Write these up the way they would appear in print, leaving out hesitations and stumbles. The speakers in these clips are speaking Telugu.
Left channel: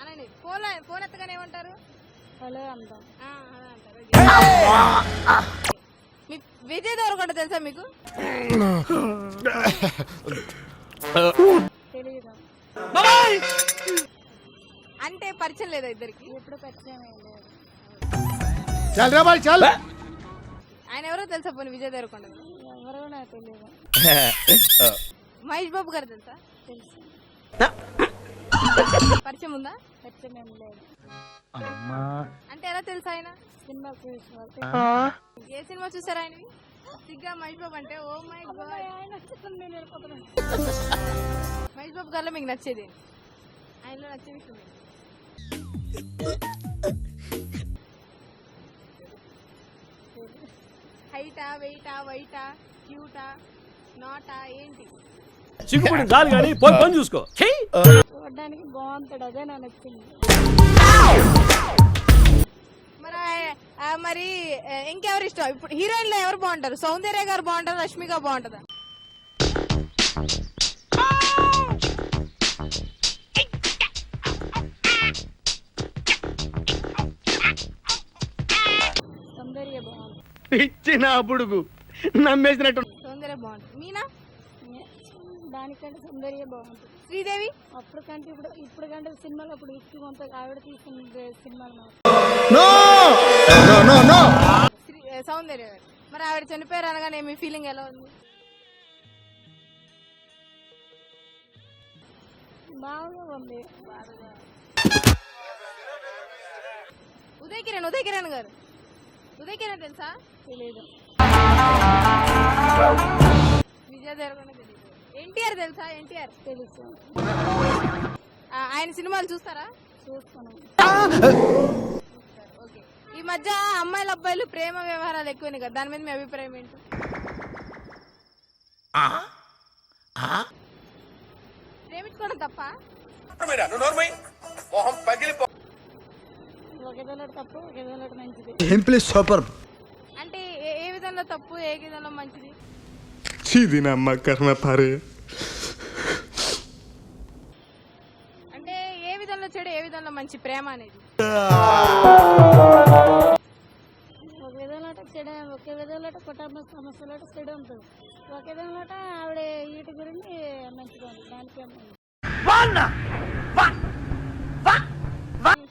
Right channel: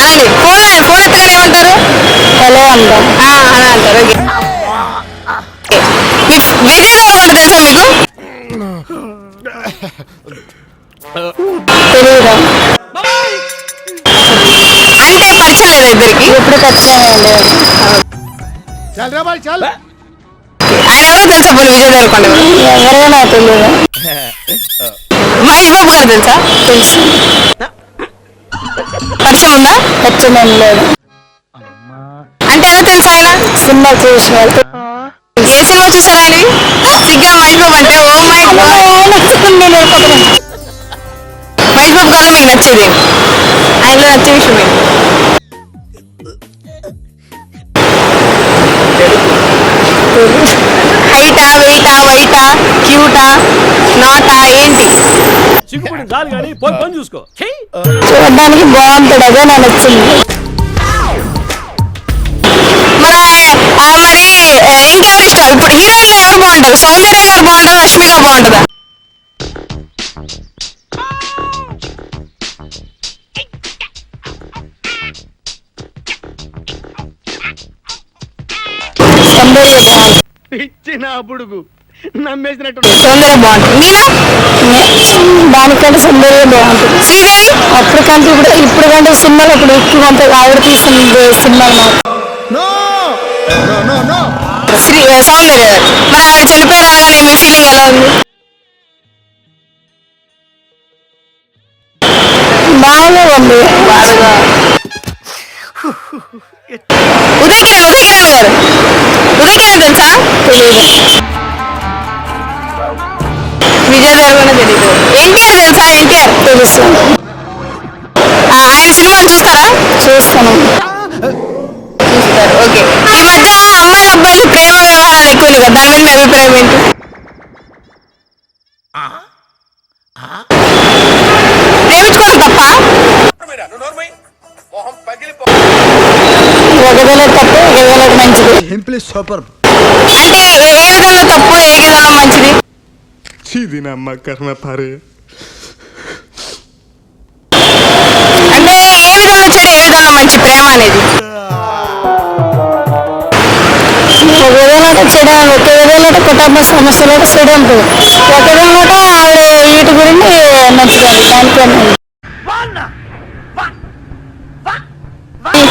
అనండి. ఫోన్ ఎత్తగానే ఏమంటారు? హలో అంటాం. అని అంటారు. విజయ్ దేవరకొండ తెలుసా మీకు? తెలియదు. అంటే పరిచయం లేదా ఇద్దరికి? ఎప్పుడు పరిచయం లేదు. ఆయన ఎవరో తెలుసా? పోనీ విజయ్ దేవరకొండ ఎవరైనా తెలియదు. మహేష్ బాబు గారు తెలుసా? తెలుసు. పరిచయం ఉందా? పరిచయం లేదు. అంటే ఎలా తెలుసు ఆయన? సినిమా చూసి ఏ సినిమా చూసారా ఆయనవి? సిగ్గా మహేష్ బాబు అంటే ఓ మై మహేష్ బాబు గారు మీకు నచ్చేది, ఆయనలో నచ్చే విషయం ఏంటి? హైటా, వెయిటా, వైటా, క్యూటా, నాటా ఏంటి? చూడడానికి బాగుంటాడు, అదే నాకు నచ్చింది. మరి ఇంకెవరు ఇష్టం? ఇప్పుడు హీరోయిన్లో ఎవరు బాగుంటారు? సౌందర్య గారు బాగుంటారు, రష్మి గారు బాగుంటుందా? సౌందర్య బాగుంది. సౌందర్య బాగుంటుంది. మీనా? దానికంటే సౌందర్య బాగుంటుంది. శ్రీదేవి? అప్పటికంటే ఇప్పుడు కంటే సినిమాలు ఇప్పుడు ఎక్కువ అంత ఆవిడ తీసిన సినిమాలు మాత్రం. సౌందర్య. మరి ఆవిడ చనిపోయారు అనగానే మీ ఫీలింగ్ ఎలా ఉంది? బాగానే ఉంది. బాగా. ఉదయ్ కిరణ్ గారు. ఉదయ్ కిరణ్ తెలుసా? తెలియదు. విజయ్ దేవరకొండ తెలీదు. ఎన్టీఆర్ తెలుసా? ఎన్టీఆర్ తెలుసు. ఆయన సినిమాలు చూస్తారా? చూస్తాను. చూస్తారు. ఓకే. ఈ మధ్య అమ్మాయిలు అబ్బాయిలు ప్రేమ వ్యవహారాలు ఎక్కువ కదా, దాని మీద మీ అభిప్రాయం ఏంటి? ప్రేమించుకోవడం తప్ప? ఒకవేళ తప్పు, ఒకవేళ మంచిది. అంటే ఏ విధంగా తప్పు, ఏ విధంగా మంచిది? అంటే ఏ విధంగా చెడు, ఏ విధంగా మంచి ప్రేమ అనేది? ఒక విధంగా చెడు, ఒక విధంగా కుటుంబ సమస్యలు చెడు ఉంటుంది. ఒక విధంగా ఆవిడ వీటి గురించి మంచిదండి. దానికన్నా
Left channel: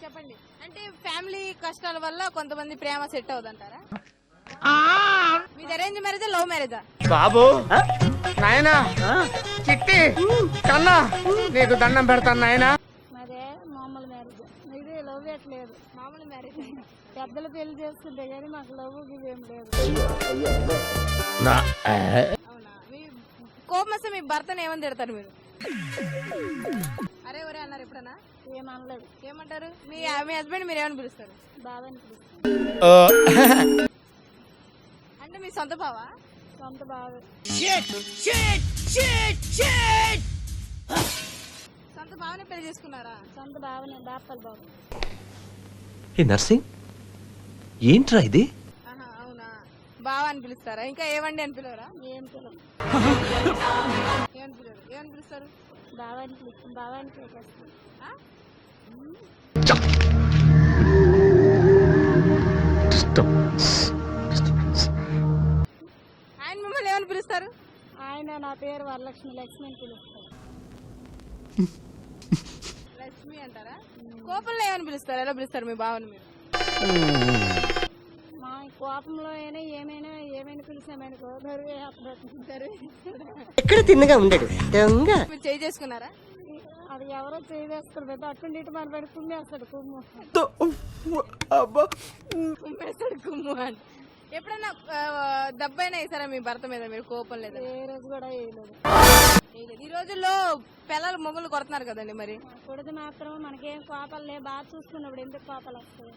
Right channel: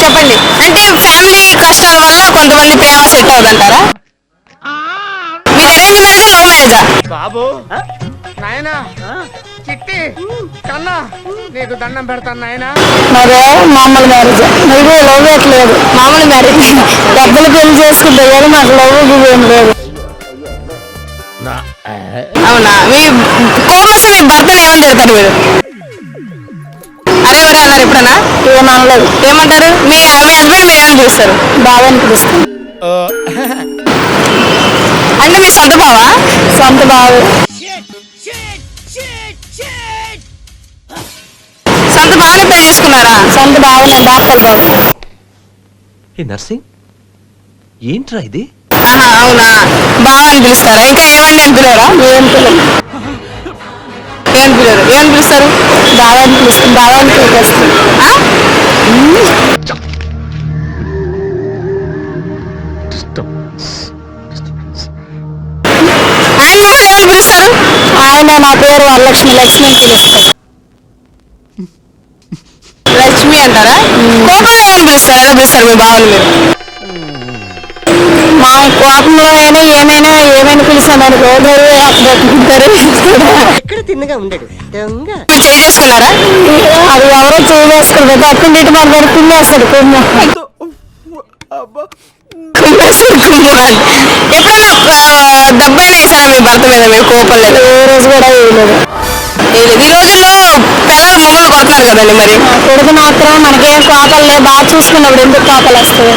చెప్పండి. అంటే ఫ్యామిలీ కష్టాల వల్ల కొంతమంది ప్రేమ సెట్ అవుతుంటారా? మీది అరేంజ్ మ్యారేజా, లవ్ మ్యారేజా? బాబు నాయనా, చిట్టి కన్నా నీకు దండం పెడతాను నాయనా. మరే మామూలు మ్యారేజ్. మీకు లవ్ పెట్టలేదు. మామూలు మ్యారేజ్. డబ్బులు పెళ్లి చేసుకుంటే కానీ మాకు లవ్ ఏం లేదు. అవునా? మీ కోపం మీ భర్తను ఏమని తిడతారు మీరు? అరే ఎవరే అన్నారు ఎప్పుడన్నా? ఏమనలేదు. ఏమంటారు? మీ హస్బెండ్ మీరు ఏమని పిలుస్తారు? బాగా అనిపిస్తుంది. అంటే మీ సొంత బావా? సొంత బాగా. సొంత బావనే పెళ్లి చేసుకున్నారా? సొంత బావనే, డాక్టర్ బాబు. నర్సింగ్ ఏంట్రా ఇది? అవునా? బావ అని పిలుస్తారా? ఇంకా ఏమండి అని పిలవరా? ఏం పిల్లలు ఏమని పిలవరు? ఏమని పిలుస్తారు? బాగా అనిపిస్తుంది. బాగా అనిపిస్తుంది. ఆయన మిమ్మల్ని ఏమని పిలుస్తారు? ఆయన నా పేరు వరలక్ష్మి. లక్ష్మి అని పిలుస్తారు. లక్ష్మి అంటారా? కోపంలో ఏమని పిలుస్తారు? ఎలా పిలుస్తారు మీ బావని మీరు? మా కోపంలో అయినా ఏమైనా పిలిచాను అనుకో, ఎక్కడ తిన్నగా ఉండడు దొంగ. మీరు చేయి చేసుకున్నారా? అది ఎవరో చేయవేసుకుంటారు. అక్కడ ఇటు మన దగ్గర కుమ్మేస్తాడు. ఎప్పుడన్నా దెబ్బైనా వేసారా మీ భర్త మీద మీరు కోపం లేదు? ఏ రోజు కూడా వేయలేదు. ఈ రోజుల్లో పిల్లలు మమ్మల్ని కొడుతున్నారు కదండి. మరి కొడుకు మాత్రం మనకేం కోపాలు లేదు. బాగా చూసుకున్నప్పుడు ఎందుకు కోపాలు వస్తాయి?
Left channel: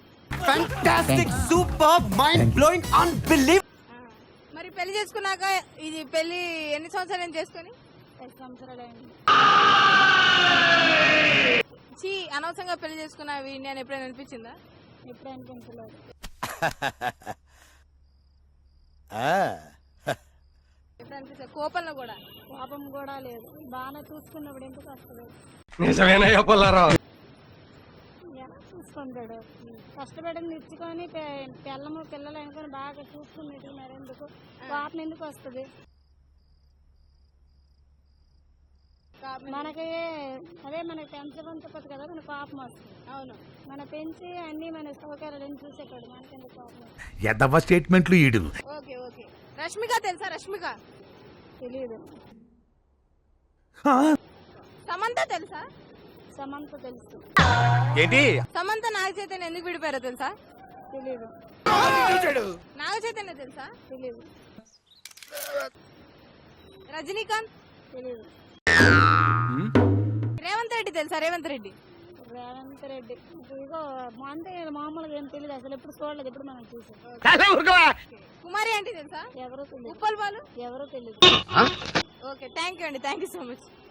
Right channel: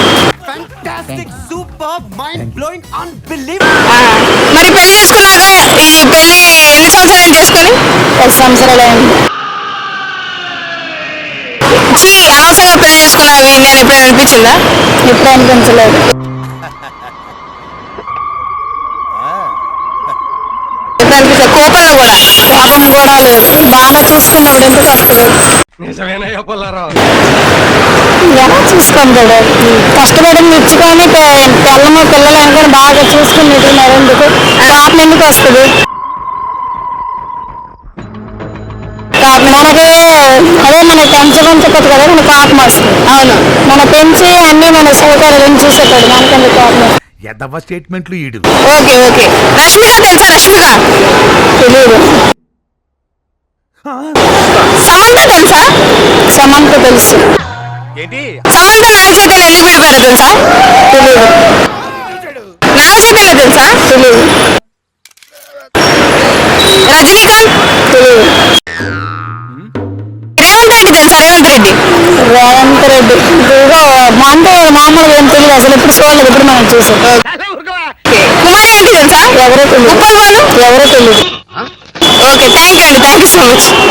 మరి పెళ్లి చేసుకున్నాక ఈ పెళ్లి ఎన్ని సంవత్సరాలు చేసుకొని? 10 సంవత్సరాలు అయింది. అనవసరంగా పెళ్లి చేసుకున్నావి నేను ఎప్పుడైనా అనిపించిందా? ఎప్పుడు అనిపించలేదు. ఎప్పుడు అనిపిస్తుంది? కోపంలో కూడా? కోపం కూడా లేదు, బాగా చూసుకున్నప్పుడు ఎందుకు వస్తుంది? నిజమేనయ్యా పుల్లారావు. ఎలా చూసుకుంటాడు? కష్టపడి మెచ్చుకొని పిల్లము పిల్లలు అనుకొని బాగా చూసుకుని నెట్టుకున్నారు, ఎందుకు కోపం ఎందుకు వస్తుంది? మనకి అదే మనకి పెంచకపోతే కదా మనకు కోపం వస్తుంది. అవును. మన పెంచి అన్ని మన సౌకర్యాలను చూసేటాడు, మనకెందుకు కోపం వస్తుంది? ఎదవ స్టేట్మెంట్లు ఈడు. Okay okay. రష్మిక తెలుసా? రష్మిక తెలియదు. సమంత తెలుసా? సమంత తెలుసు. ఏంటి? సమంత నాగ చైతన్య ఎందుకు విడిపోయారో తెలుసా? తెలియదు. నాగ చైతన్య తెలుసా? తెలియదు. రజనీకాంత్? తెలియదు. రేవంత్ రెడ్డి తెలుసా? రేవంత్ రెడ్డి రేవంత్ రెడ్డి ఇదిగో అంటే మామూలుగా ఏం తెలియదు, అసలు ఎప్పుడు చూడలేదు, ఇప్పుడు మనం చూసాం. కుమారి అంటే తెలుసా? ఎవరో తెలియదు. ఉప్పల్ వాళ్ళు? ఎవరో తెలియదు. ఓకే, థ్యాంక్ యూ అండి, థ్యాంక్ యూ సో మచ్.